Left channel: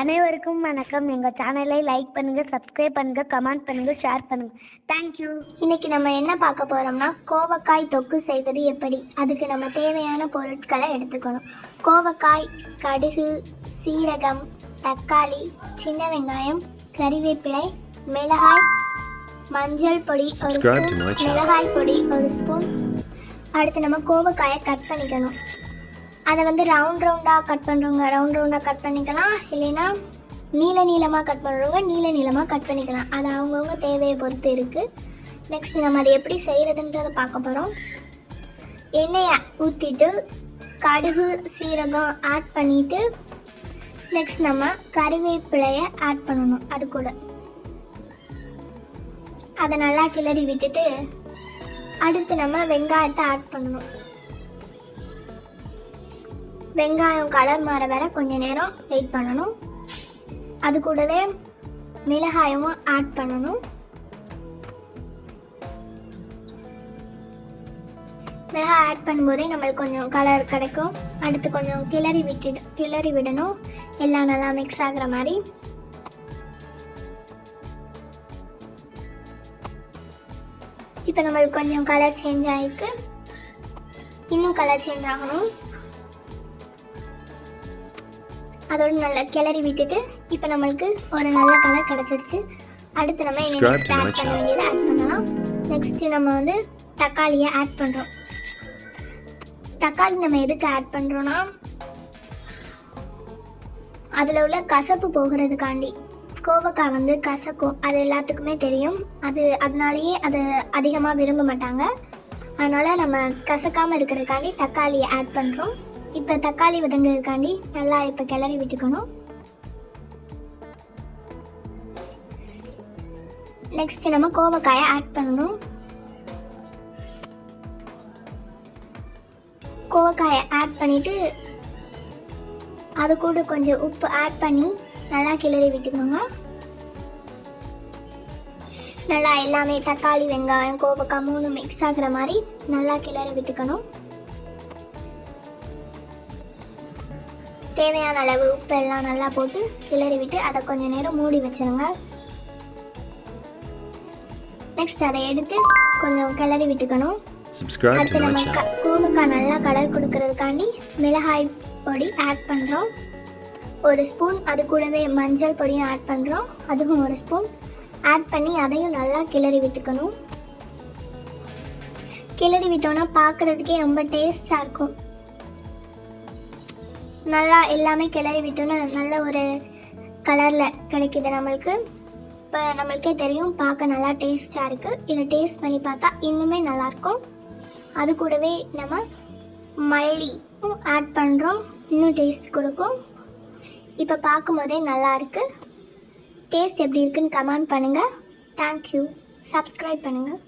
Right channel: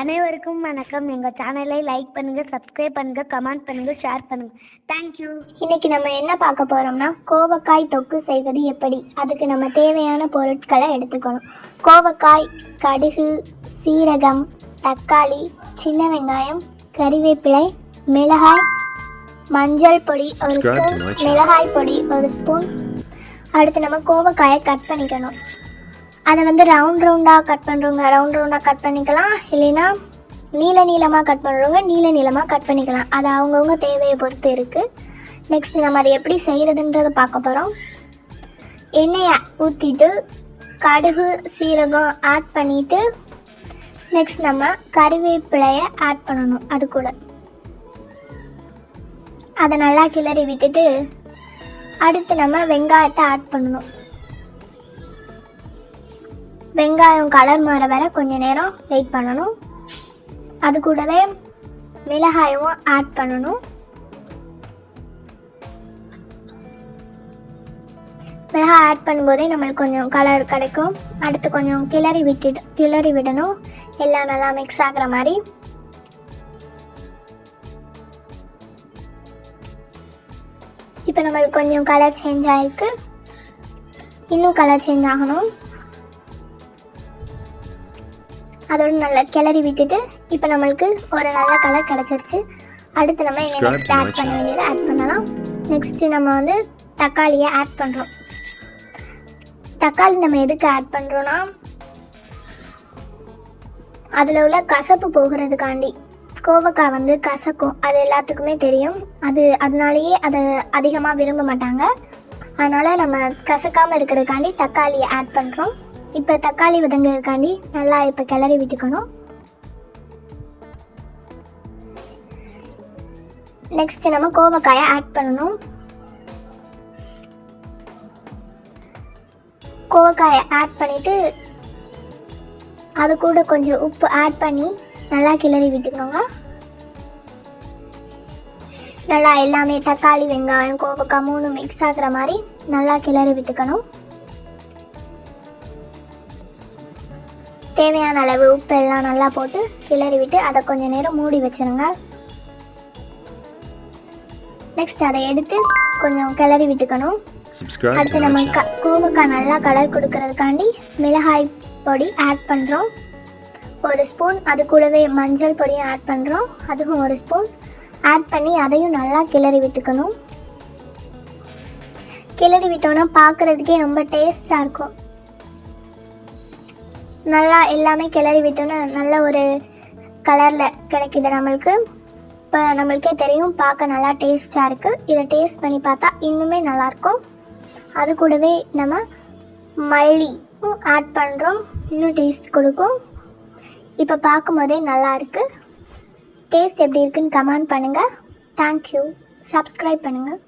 அனைவருக்கும் வணக்கம். எங்கள் சேனலை லைக் பண்ணுங்கள் சப்ஸ்கிரைப் பண்ணுங்கள் கமெண்ட் பண்ணுங்கள் ஷேர் பண்ணுங்கள் தேங்க்யூ இன்னைக்கு நம்ம என்ன பார்க்க போறோம்னா கோவக்காய் தொக்கு செய்வது எப்படி? அதுக்கு நம்ம தேவையான பொருட்களை எடுத்துக்கணும். கோவக்காய் கடுகு சீரகம் தக்காளி சின்ன வெங்காயம் கறிவேப்பிலை மிளகாய் மஞ்சள் பொடி ஒரு ஸ்பூன். மிளகாய் பொடி ஒரு ஸ்பூன் அடுத்து நம்ம கோவக்காயை கட் பண்ணிக்கணும். அதை வந்து ரவுண்ட் ரவுண்டாக கட் பண்ணுறவங்க ரவுண்ட் ரவுண்டாக கட் பண்ணிக்கலாம். இல்லைன்னா நீல நீளமாக கட் பண்ணுறவங்க நீல நீளமாக கட் பண்ணிக்கலாம். அது அவங்கவுங்க தேவையை பொறுத்து இருக்குது நெக்ஸ்ட் நம்ம அதை எப்படி செய்கிறதுன்றதை பார்க்க போகிறோம் எண்ணெயை ஊற்றிட்டு கடுகு சீரகம் ஆட் பண்ணிவிட்டு நெக்ஸ்ட் நம்ம கறிவேப்பிலையை ஆட் பண்ணணும் அது கூட. அதை நல்லா கிளறி விட்டுட்டு அடுத்து நம்ம வெங்காயத்தை ஆட் பண்ணணும். வெங்காயம் கலர் மாற வர கொஞ்ச நேரம் வெயிட் பண்ணணும். அது கூடவே மிளகாயும் ஆட் பண்ணணும். மிளகாய் ஆட் பண்ணும்போதே நம்மளுக்கு கொஞ்சம் கலர் கிடைக்கும். அடுத்து கொஞ்சம் கிளறி விட்டு கிளறி விடணும். எல்லாம் நல்லா மிக்ஸ் ஆகுற மாதிரி. இப்போ நம்மளுக்கு கொஞ்சம் கலர் சேஞ்ச் ஆயிருக்கு. இன்னும் கலர் சேஞ்ச் ஆகணும். அதோட நல்லா கிளறி விட்டுட்டு இப்போ நம்மளுக்கு ஒரு நல்ல கலர் கிடச்சிருச்சு. அடுத்து நம்ம நெக்ஸ்ட் ஆட் பண்ண. வேண்டியதை ஆட் பண்ணலாம். நெக்ஸ்ட் நம்ம வந்து தக்காளியை ஆட் பண்ணுறோம் தக்காளி நம்ம எதுக்கு ஆட் பண்ணுறோன்னா அதில் உள்ள கசப்பு போகிறதுக்காண்டி. கோவக்காய் வந்து கசக்கும். அது எல்லாத்துக்குமே தெரியும். அது அதனாலேயே அதை அதிகமாக விரும்ப மாட்டாங்க. அதனால் நம்ம கசக்காமல் இருக்கிறதுக்காண்டி தக்காளியை ஆட் பண்ணுறோம் இப்போ தக்காளி வதங்குறதுக்காண்டி நல்லா இப்போ கிளறி விட்டுக்கணும். நெக்ஸ்ட் நம்ம கோவக்காயை ஆட் பண்ணணும். கோவக்காயை ஆட் பண்ணிட்டு அது கூட கொஞ்சம் உப்பு ஆட் பண்ணி நல்லா கிளறி விட்டுக்கோங்க நல்லா எல்லாமே தக்காளி வெங்காயம் கோவக்காய் மூணு மிக்ஸ் ஆகுற மாதிரி நல்லா கிளறி விட்டுக்கணும். தேவையான அளவு உப்பு எல்லாம் நல்லா போட்டு கிளறி விட்டு அதை கொஞ்ச நேரம் மூடி வச்சிருங்க. நெக்ஸ்ட் அதை எடுத்து கொஞ்சம் கிளறி விட்டுக்கணும். அடுத்து நம்ம. க- கோவக்காய் நல்லா கலர் கொடுக்கறதுக்காண்டி மிளகாய் பொடி ஆட் பண்ணுறோம் ஒரு ஸ்பூன் அது கூடவே மஞ்சள் பொடியும் ஆட் பண்ணுறோம் அதுவும் ஒரு ஸ்பூன் ஆட் பண்ணி அதையும் நல்லா கிளறி விட்டுக்கணும். கிளறி விட்டோம்னா பார்க்குறதுக்கே ரொம்ப டேஸ்டாக இருக்கும். நல்லா எல்லாமே கிளறி விட்டோன்னா நல்ல ஒரு கலரில் கிடைக்குது நம்மளுக்கு. இப்போ நம்மளுக்கே தெரியும் பார்க்க நல்லா டேஸ்டாக இருக்குது இதை டேஸ்ட் பண்ணி பார்த்தா இன்னுமே நல்லாயிருக்கும். அது கூடவே நம்ம மல்லியும் ஆட் பண்ணுறோம் இன்னும் டேஸ்ட் கொடுக்கும். இப்போ பார்க்கும்போதே நல்லா இருக்குது டேஸ்ட் எப்படி இருக்குன்னு கமெண்ட் பண்ணுங்கள் தேங்க்யூ சப்ஸ்கிரைப் பண்ணுங்கள்